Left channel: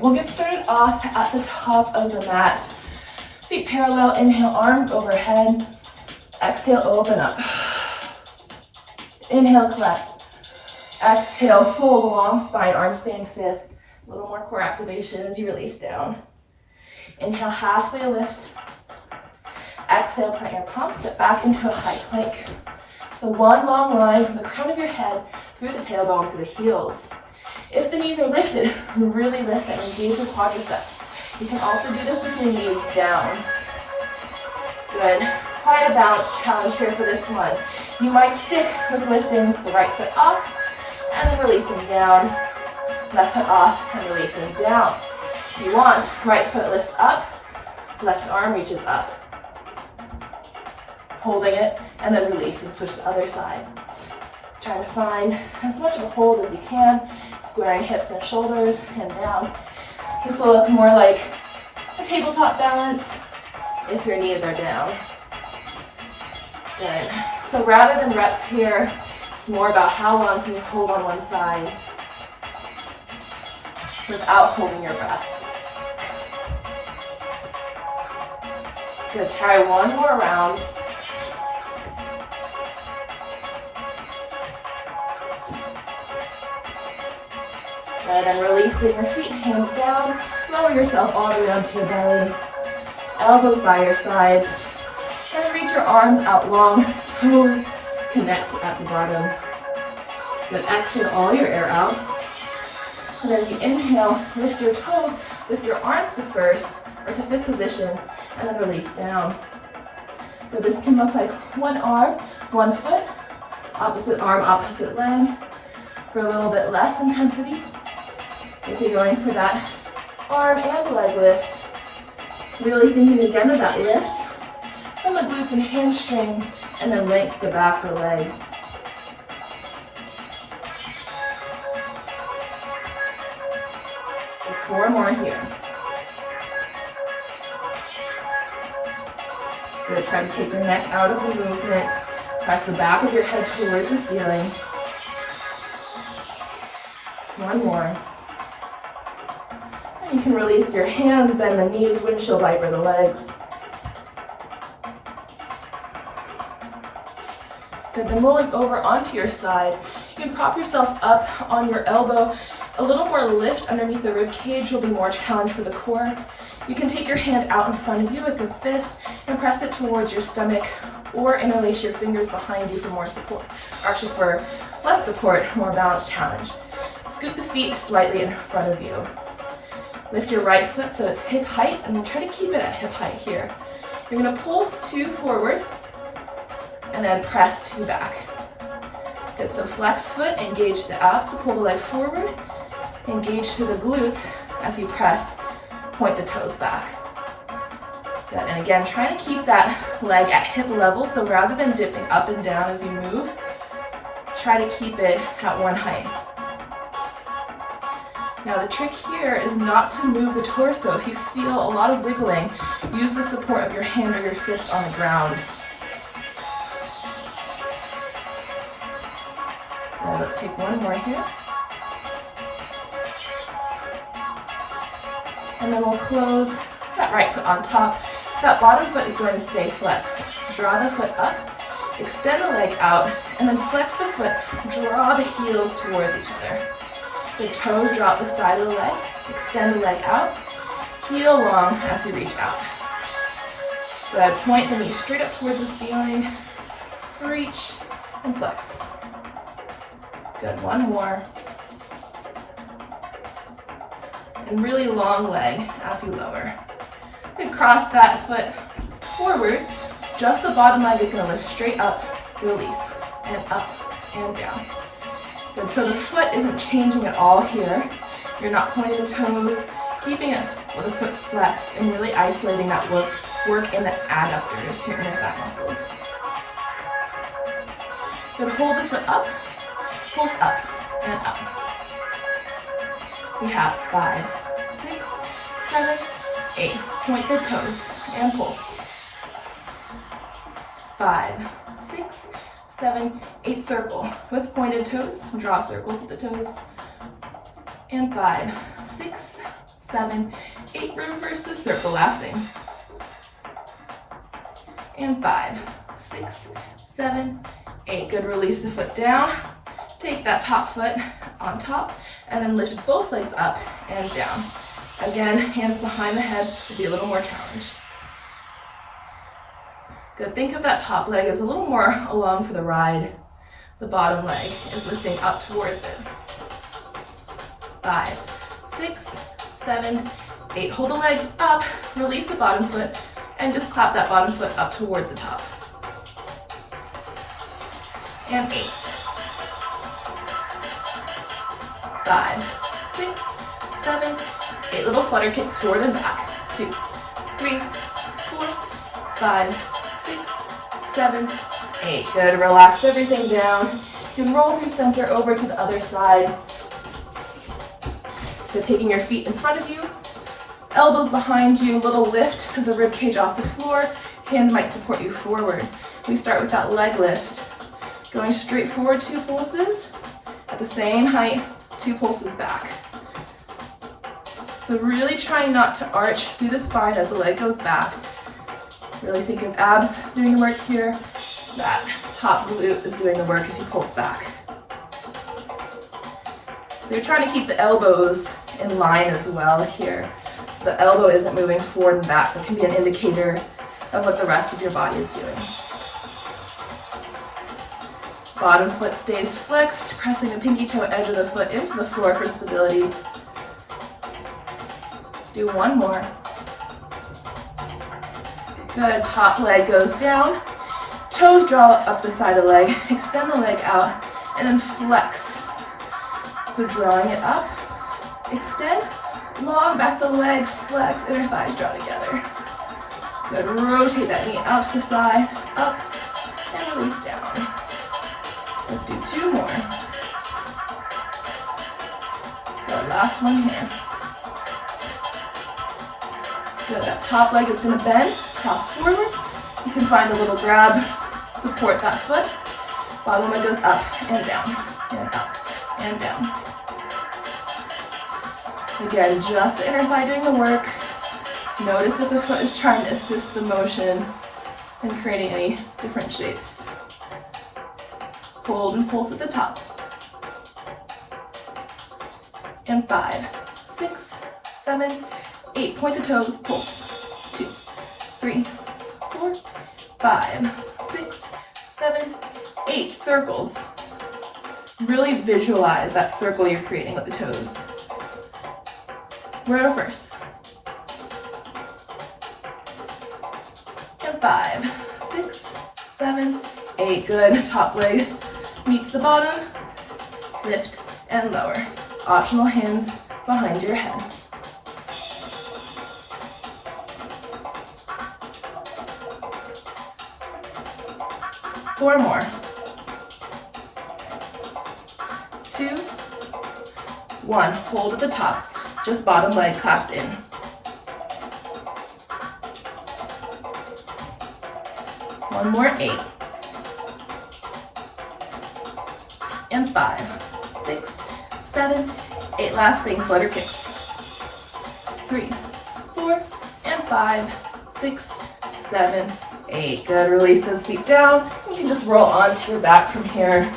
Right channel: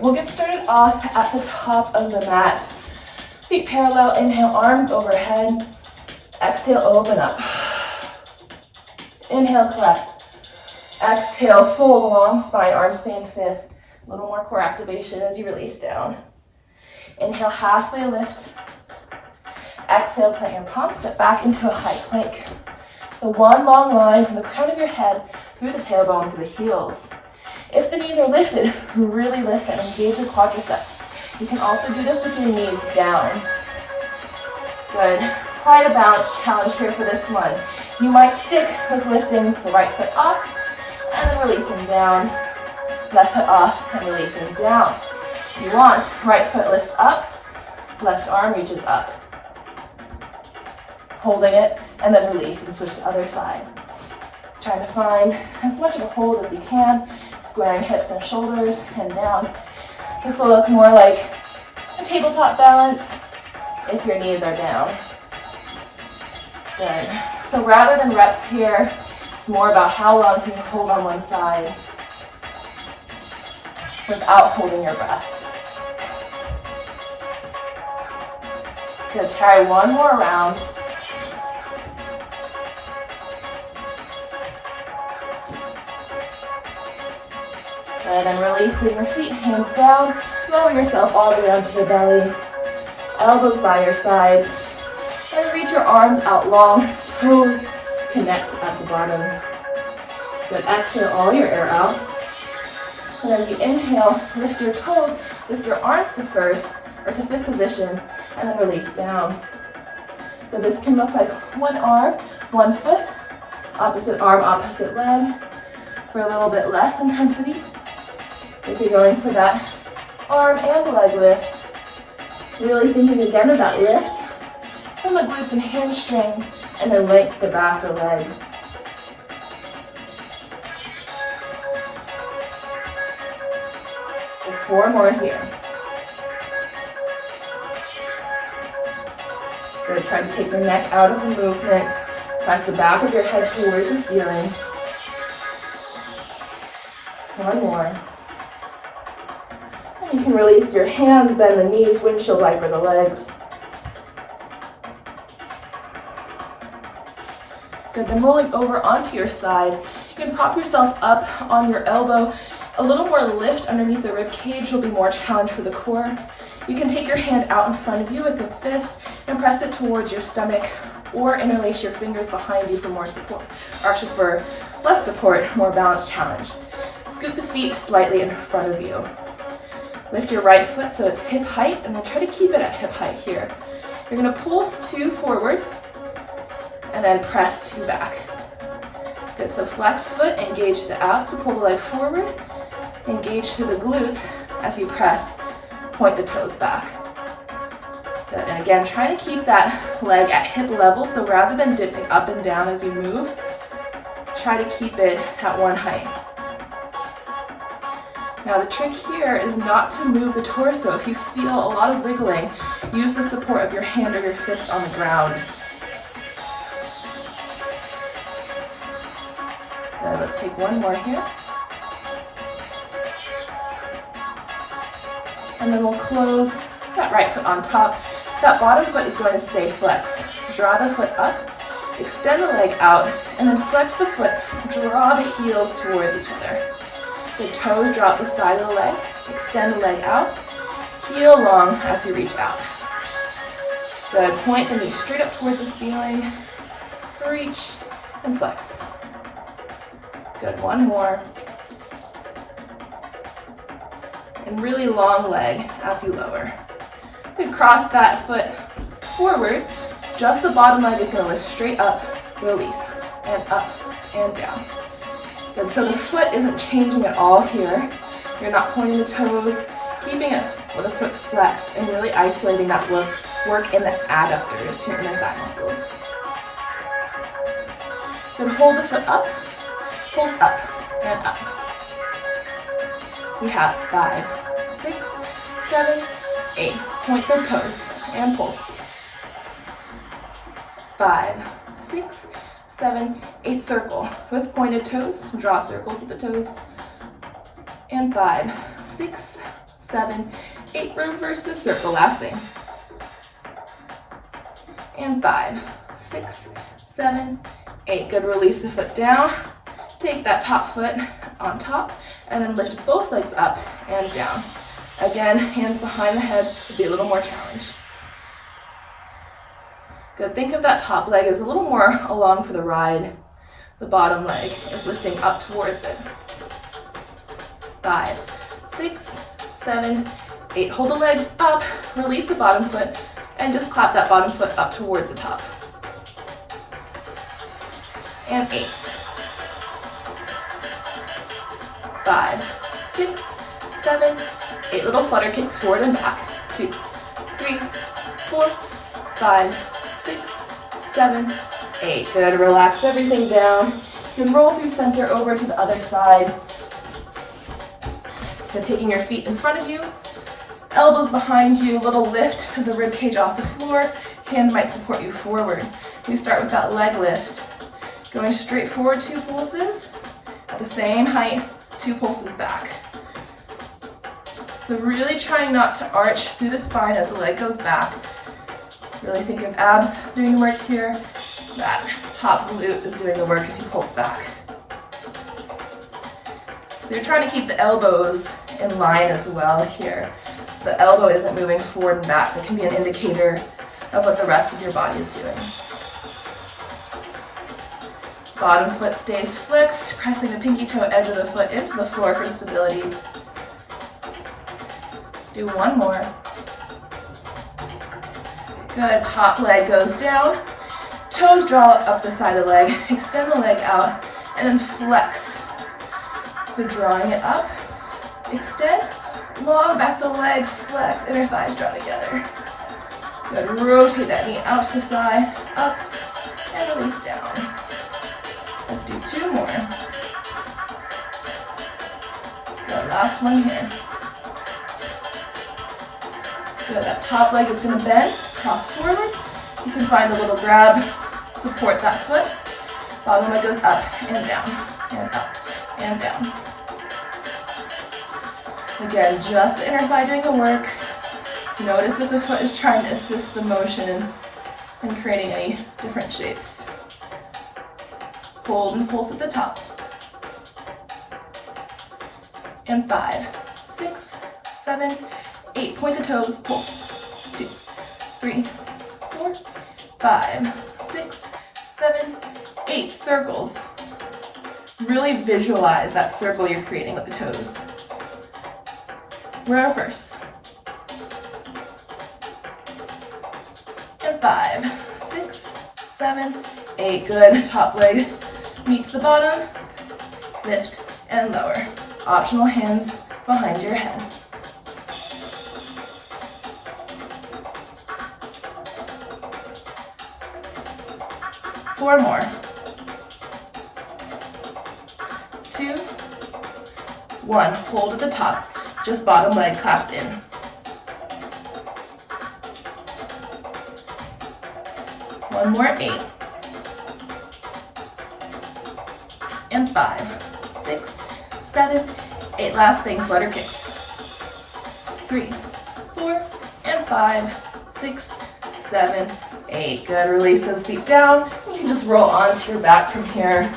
we'll get started off at the top of the mat. Feet parallel, inhale, arms overhead. Exhale, open up. Inhale, collect. Exhale, fold, long spine, arms stay in fifth. A little more core activation as you release down. Inhale, halfway lift. Exhale, plant your palms, step back into a high plank. So one long line from the crown of your head through the tailbone to the heels. If the knees are lifted, really lift and engage your quadriceps. You can also do this with your knees down. Good. Quite a balance challenge here for this one. You might stick with lifting the right foot off and then releasing down. Left foot off and releasing down. If you want, right foot lifts up, left arm reaches up. Holding it, and then release and switch to the other side. Trying to find as much of a hold as you can, squaring hips and shoulders, and down. This will look more like a tabletop balance if your knees are down. Good. So rather than reps here, it's more about how long can you hold on one side without holding your breath. Good. Try one more round. Good, and releasing your feet, hands down. Lower yourself all the way onto your belly. Elbows by your sides. And reach your arms out long. Toes connect at the bottom. Good, exhale all your air out. And as you inhale, lift your toes, lift your arms to first, or to fifth position, and then release down. So this can look like one arm, one foot, opposite arm, opposite leg, for a little bit less intensity. If you're going for that arm and leg lift, really thinking again of that lift from the glutes and hamstrings, and then length the back of the leg. And 4 more here. Good, try to take your neck out of the movement. Press the back of your head towards the ceiling. 1 more. You can release your hands, bend the knees, windshield wiper the legs. Good, then rolling over onto your side, you can prop yourself up on your elbow. A little more lift underneath the rib cage will be more challenge for the core. You can take your hand out in front of you with a fist and press it towards your stomach, or interlace your fingers behind you for more support, or actually for less support, more balanced challenge. Scoot the feet slightly in front of you. Lift your right foot so it's hip height, and we'll try to keep it at hip height here. You're gonna pulse 2 forward, and then press 2 back. Good, so flex foot, engage the abs to pull the leg forward, engage through the glutes as you press, point the toes back. Good, and again, trying to keep that leg at hip level, so rather than dipping up and down as you move, try to keep it at one height. Now the trick here is not to move the torso. If you feel a lot of wiggling, use the support of your hand or your fist on the ground. Good, let's take 1 more here. And then we'll close that right foot on top. That bottom foot is going to stay flexed. Draw the foot up, extend the leg out, and then flex the foot, draw the heels towards each other. The toes drop the side of the leg, extend the leg out, heel long as you reach out. Good, point the knees straight up towards the ceiling, reach, and flex. Good, 1 more. And really long leg as you lower. Then cross that foot forward, just the bottom leg is gonna lift straight up, release, and up, and down. Good, so the foot isn't changing at all here. You're not pointing the toes, keeping it with the foot flexed and really isolating that work in the adductors, your inner thigh muscles. Then hold the foot up, pulse up, and up. We have 5, 6, 7, 8. Point the toes and pulse. 5, 6, 7, 8, circle with pointed toes. Draw circles with the toes. And 5, 6, 7, 8, reverse the circle, last thing. And 5, 6, 7, 8, good, release the foot down. Take that top foot on top, and then lift both legs up and down. Again, hands behind the head will be a little more challenge. Good, think of that top leg as a little more along for the ride. The bottom leg is lifting up towards it. 5, 6, 7, 8. Hold the legs up, release the bottom foot, and just clap that bottom foot up towards the top. And 8. 5, 6, 7, 8. Little flutter kicks forward and back. 2, 3, 4, 5, 6, 7, 8. Good, relax everything down. You can roll through center over to the other side. So taking your feet in front of you, elbows behind you, little lift of the rib cage off the floor. Hand might support you forward. We start with that leg lift. Going straight forward, 2 pulses. At the same height, 2 pulses back. So really trying not to arch through the spine as the leg goes back. Really think of abs doing the work here. That top glute is doing the work as he pulls back. So you're trying to keep the elbows in line as well here. So the elbow isn't moving forward and back. That can be an indicator of what the rest of your body is doing. Bottom foot stays flexed, pressing the pinky toe edge of the foot into the floor for stability. Do one more. Good, top leg goes down. Toes draw up the side of the leg. Extend the leg out and then flex. So drawing it up, extend, long back the leg, flex, inner thighs draw together. Good, rotate that knee out to the side, up, and release down. Let's do 2 more. Good, last one here. Good, that top leg is gonna bend, cross forward. You can find a little grab, support that foot. Bottom leg goes up and down, and up, and down. Again, just the inner thigh doing the work. Notice if the foot is trying to assist the motion and creating any different shapes. Hold and pulse at the top. And 5, 6, 7, 8. Point the toes, pulse. 2, 3, 4, 5, 6, 7, 8. Circles. Really visualize that circle you're creating with the toes. Reverse. And 5, 6, 7, 8. Good. Top leg meets the bottom. Lift and lower. Optional hands behind your head. Four more. 2, 1. Hold at the top. Just bottom leg claps in. One more, 8. And 5, 6, 7, 8. Last thing, flutter kicks. 3, 4, and 5, 6, 7, 8. Good, release those feet down. You can just roll onto your back from here.